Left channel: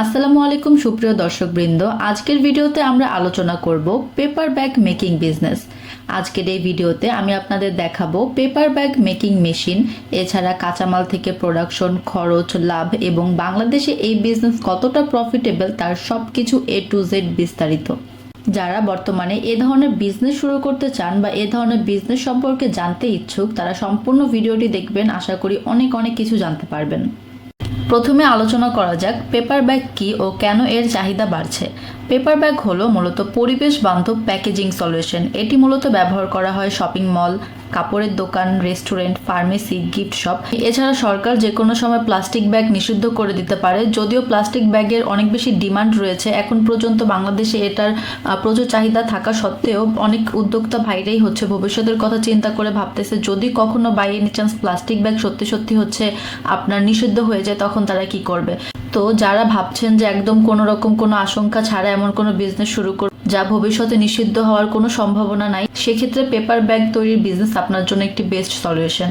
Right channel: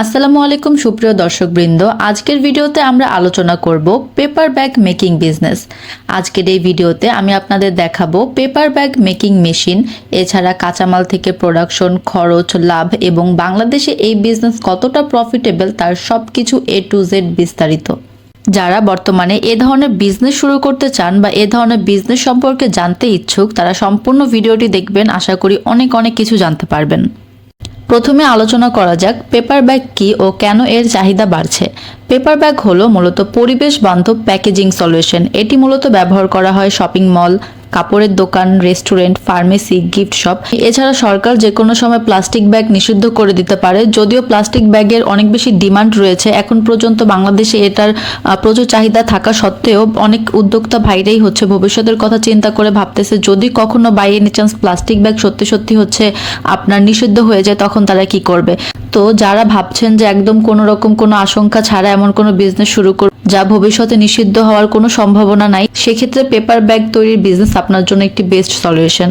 আসসালামু আলাইকুম সুপ্রিয় দর্শকবৃন্দ, আজকের ভিডিওতে আমরা আলোচনা করব পেপার ব্যাগ মেকিং বিজনেস। আজকের এই ভিডিওতে আমি আপনাদের দেখাবো পেপার ব্যাগ মেকিং মেশিন, এছাড়া কাঁচামাল থেকে প্রোডাকশন, খরচ, লাভ এবং বাংলাদেশে এই বিজনেস কতটা প্রফিটেবল তার সবকিছু A to Z বিস্তারিত। যারা বর্তমানে এ ধরনের বিজনেস শুরু করতে চান বা এ ধরনের বিজনেস সম্পর্কে জানতে ইচ্ছুক, তারা সম্পূর্ণ ভিডিওটি দেখবেন। আশা করি অনেক কিছু জানতে পারবেন। প্রথমে আলোচনা করা যাক পেপার ব্যাগ কি ও কেন এর চাহিদা বাড়ছে। পেপার ব্যাগ হলো মূলত পরিবেশ বান্ধব প্যাকেজিং সলিউশন। এটি মূলত ব্যবহার করা হয় শপিং মল, কাপড়ের দোকান, রেস্টুরেন্ট, ফার্মেসি, গিফট শপ। এছাড়া সরকার যে কোনো সময় প্লাস্টিক ব্যাগ নিষিদ্ধ করে দিতে পারে। যদিও প্লাস্টিক ব্যাগের অনেক বেশি ডিমান্ড রয়েছে, এখন পর্যন্ত বাংলাদেশে এটার প্রচুর চাহিদা থাকা সত্ত্বেও অনেক উদ্যোক্তা ভাইরাই ভবিষ্যতের কথা চিন্তা করে ভাবতেছে যদি কখনো by any chance plastic bag সত্যি আপনার নিষিদ্ধ হয়ে যায় তখন তারা কি করবে। তো যারা ভাবছেন যে একদম কোনো রকম কোনো আশঙ্কা ছাড়া এমন কোনো বিজনেস শুরু করবে যা ভবিষ্যতে নিষিদ্ধ হওয়ার কোনো সম্ভাবনা নাই, সেক্ষেত্রে পেপার ব্যাগ তৈরির বিজনেস আপনার জন্য একটি বেস্ট সলিউশন।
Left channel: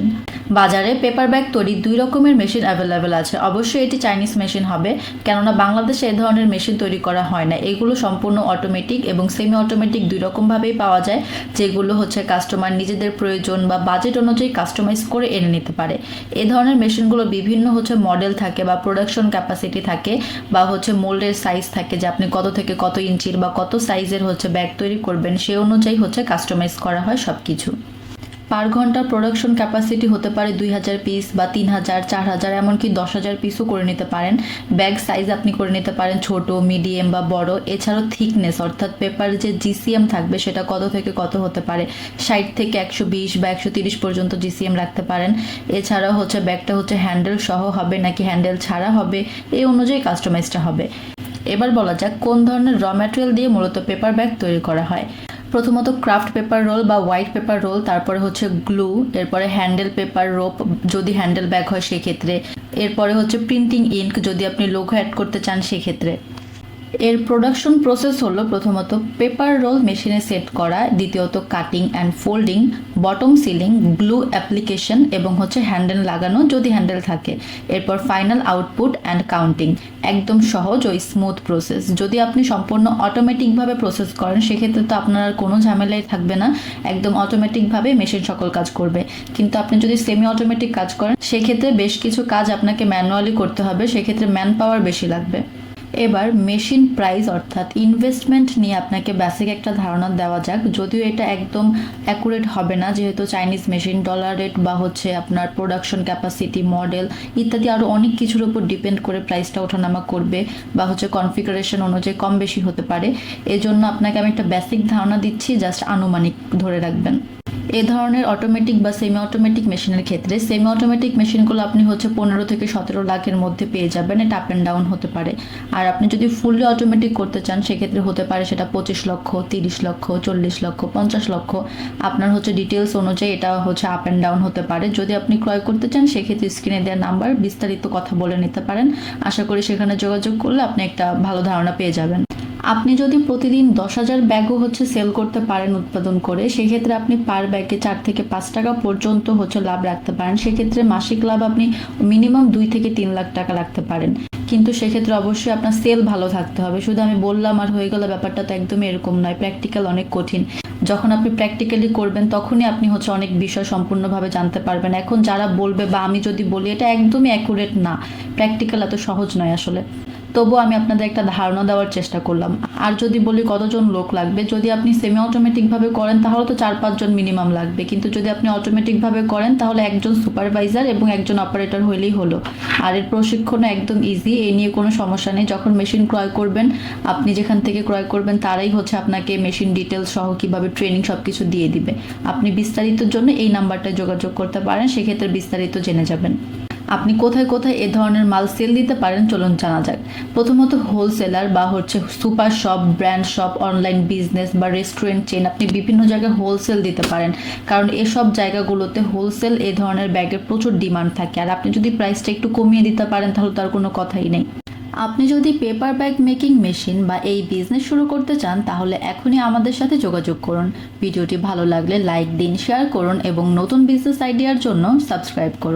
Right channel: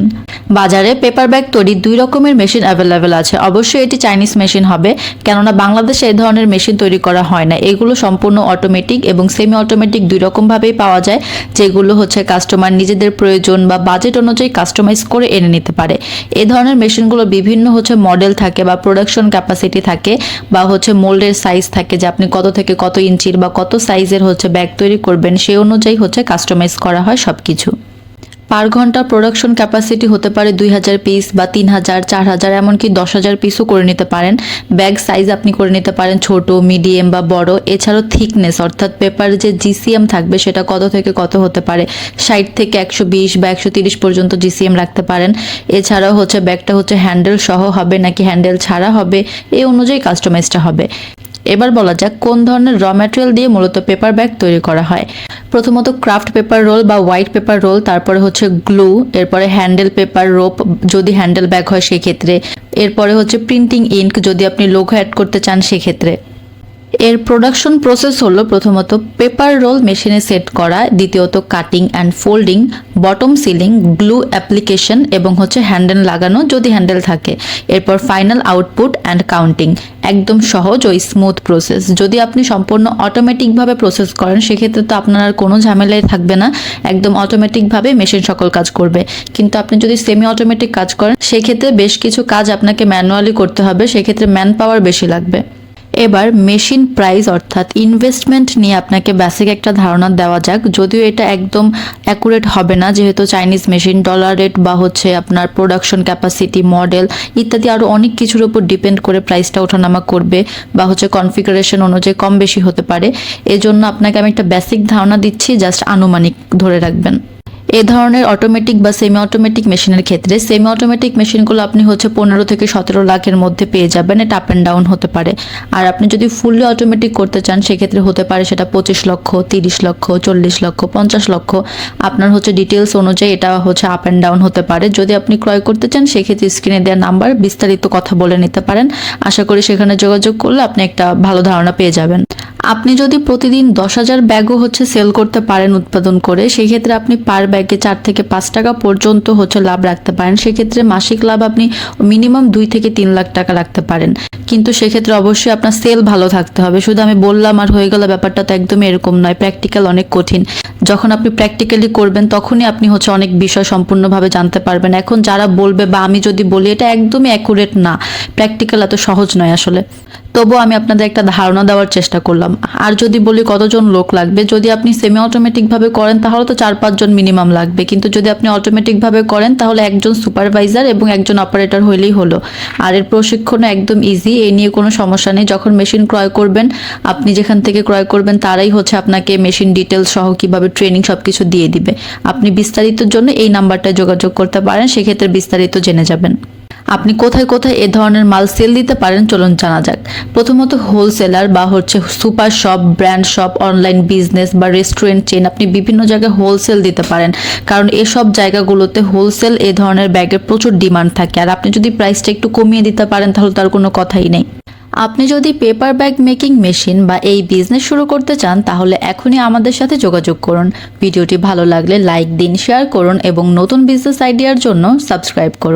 বাজারে পেপার ব্যাগ তৈরির দুই রকমের মেশিন অ্যাভেলেবেল আছে। অবশ্যই এটি চাইনিজ মেশিন হবে, কেননা বাংলাদেশে এই ধরনের মেশিন তৈরি করা হয় না। এগুলো সম্পূর্ণ অটোমেটিক এবং সেমি অটোমেটিক দুই রকমভাবেই পাওয়া যায়, যেগুলো কাস্টমার নিজেদের প্রয়োজন বা বাজেট অনুযায়ী কাস্টমাইজ করে এনে নিতে পারে। এই ধরনের মেশিনগুলো বিভিন্ন মডেল থাকে বা প্রোডাকশন ক্যাপাসিটি থাকে বা মোল্ডের সাইজ থাকে, যে আপনি কত থেকে কত ইঞ্চির বা কত সাইজের ব্যাগ তৈরি করবেন সেই অনুযায়ী কাস্টমাইজ করা হয় সবকিছু। পার ঘন্টা প্রোডাকশন ক্যাপাসিটি হতে পারে 2000 পিস বা 3000, 4000, এমনকি 10,000 পিসও করে নিতে পারেন। ব্যাগ সাইজ আপনি করে নিতে পারেন ছোট, মিডিয়াম বা বড়। এছাড়াও থিকনেস অর্থাৎ পেপার যে জিসিএম থাকবে সেটা কত থেকে কত হতে পারে, 60 থেকে 120 বা 130 পর্যন্ত জিসিএম রাখতে পারেন। এছাড়াও ব্যাগটা হ্যান্ডেল সহ হবে নাকি হ্যান্ডেল ছাড়া হবে, এই অনুযায়ী কাস্টমাইজটা হবে। এবার বলা যাক কোন ধরনের র ম্যাটেরিয়াল দিয়ে মূলত পেপার ব্যাগ তৈরি করা হয়। প্রথমত ক্রাফট পেপার রোল বা হোয়াইট পেপার রোল, তারপরে গ্লু, এরপরে হ্যান্ডেল পেপার রোপ যদি হ্যান্ডেল ব্যাগ হয় সেক্ষেত্রে, এরপরে প্রিন্টিং ইঙ্ক যদি আপনি লোগো অ্যাড করতে চান সেক্ষেত্রে। এর প্রোডাকশন প্রসেস হলো প্রথমত পেপার রোল মেশিনে সেট করা, দ্বিতীয়ত cutting and folding, bottom ceiling, glue application এবং হ্যান্ডেল লাগানো যদি হ্যান্ডেল থাকে, এরপর ফাইনাল আউটপুট অ্যান্ড কাউন্টিং। একদম সহজ ও স্মুথ প্রসেস। যদি আপনি সম্পূর্ণ অটোমেটিকভাবে প্রসেস করেন সেক্ষেত্রে তো আপনার আর কোনো ঝামেলাই থাকবে না, একদম অটোমেটিকভাবে মেশিন সকল কাজ করবে। কিন্তু আপনি যদি সেমি অটোমেটিক কাজ করেন সেক্ষেত্রে বেশ কিছু কাজ আপনাকে ম্যানুয়ালি করতে হবে, সেক্ষেত্রে ম্যান পাওয়ার বেশি লাগবে। এবার মেশিন প্রাইস অর্থাৎ ইনভেস্টমেন্ট নিয়ে আপনাকে বেসিক একটা ধারণা দেওয়া যাক। যদিও এটা একদম অ্যাকুরেট হবে না, যেহেতু চাইনিজ মেশিন, ডলার রেট বা আপনার প্রোডাকশন ক্যাপাসিটি, মডেল ইত্যাদি আরও অনেক কিছুর উপর ডিপেন্ড করে প্রাইসটা ওঠানামা করবে বা কনফিগারেশন অনুযায়ী কম বেশি হতে পারে। এজন্য আপনাকে আমি একটা বেসিক ধারণা দিচ্ছি, জাস্ট আনুমানিক ধরে রাখবেন। এ ধরনের অটোমেটিক বা সেমি অটোমেটিক মেশিনের ক্ষেত্রে সেমি অটোমেটিক মেশিনগুলো আপনি 15 থেকে 17 লাখের মধ্যে পেয়ে যাবেন। এটা আপ অ্যান্ড ডাউন হতে পারে। আর আপনি যদি ফুললি অটোমেটিক করতে চান সেক্ষেত্রে হতে পারে সেটা 25 লক্ষ, 30 লক্ষ, 40 লক্ষ, 50 লক্ষ। আপনার ডিটেলস অনুযায়ী এটা আপ অ্যান্ড ডাউন হতে পারে। যদি আপনি ক্রয় করতে চান সেক্ষেত্রে স্ক্রিনে দেওয়া নাম্বার বিস্তারিত কথা বলে নিতে পারেন। আশা করি সেখানে যোগাযোগ করলে আপনি একটা ভালো ধারণা পেয়ে যাবেন। আপনি যদি প্রতিদিন 10,000 ব্যাগও সেল করতে পারেন উৎপাদন করে, সেক্ষেত্রে আপনি পার ব্যাগে 4 থেকে 5 টাকা পর্যন্ত লাভ রাখতে পারেন। সেক্ষেত্রে মাসিক লাভ আপনি মিনিমাম 2 থেকে 3 লাখ টাকা রাখতে পারেন। কিন্তু সেক্ষেত্রে অবশ্যই আপনার সেল ভালো থাকতে হবে। শুধু আমি বললাম আর হয়ে গেল ব্যাপারটা তো একদমই এরকম নয়। প্র্যাকটিক্যাল অনেক কঠিন। যখন আপনি প্র্যাকটিক্যালি করবেন তখনই আপনি অনেক বিষয় সম্পূর্ণভাবে জানতে পারবেন। এখন যারা বলবে বা আমি যদি বলি এটা একদমই অ্যাকুরেট না, প্র্যাকটিক্যাল এত সহজ নয় আসলে, তবুও আমি আপনাদের একটা ধারণা দেওয়ার চেষ্টা করলাম। আর যদি বলি কতজন লোক লাগবে, যদি আপনি সেমি অটোমেটিক ভাবে করেন তাহলে তো 4-5 জন মিনিমাম লাগবে। কিন্তু যদি আপনি অটোমেটিক ভাবে করেন তাহলে একজন সুপারভাইজার এবং একজন অপারেটর হইলেই হলো। আর এর প্রশিক্ষণও একদম ইজি, এই নিয়ে কোনো সমস্যা নেই। যখন মেশিন ক্রয় করবেন, আপনি যেখান থেকে ক্রয় করবেন তারাই আপনাকে মেশিন ডিটেলস সহ কিভাবে ট্রেনিং সবকিছু দিয়ে দিবে। আপনি বিস্তারিতর জন্য এই নাম্বারটায় যোগাযোগ করতে পারেন, সেক্ষেত্রে বিস্তারিত জেনে যাবেন। আপনি কোথায় কোথায় এ ধরনের মাল সেল দিতে পারেন চলুন জানা যাক। প্রথমত হোলসেলার বা super shop, brand shop, online business বা রেস্টুরেন্ট চেন, আপনি বিভিন্ন জায়গায় হোলসেল দিতে পারেন, কারণ এসব জায়গাগুলোতে হোলসেল এ ধরনের ব্যাগের প্রচুর ডিমান্ড থাকে। আর আপনি যদি প্রাইসটা একটু কমিয়ে দিতে পারেন তাহলে তার কোনো কথাই নেই। আপনি যদি পেপার ব্যাগ মেকিং মেশিন বা এই বিজনেস শুরু করতে চান তাহলে এখনই আমাদের সাথে যোগাযোগ করুন। ভিডিওটি ভালো লাগলে লাইক দিন, শেয়ার করুন এবং নতুন বিজনেস আইডিয়ার জন্য সাবস্ক্রাইব করুন।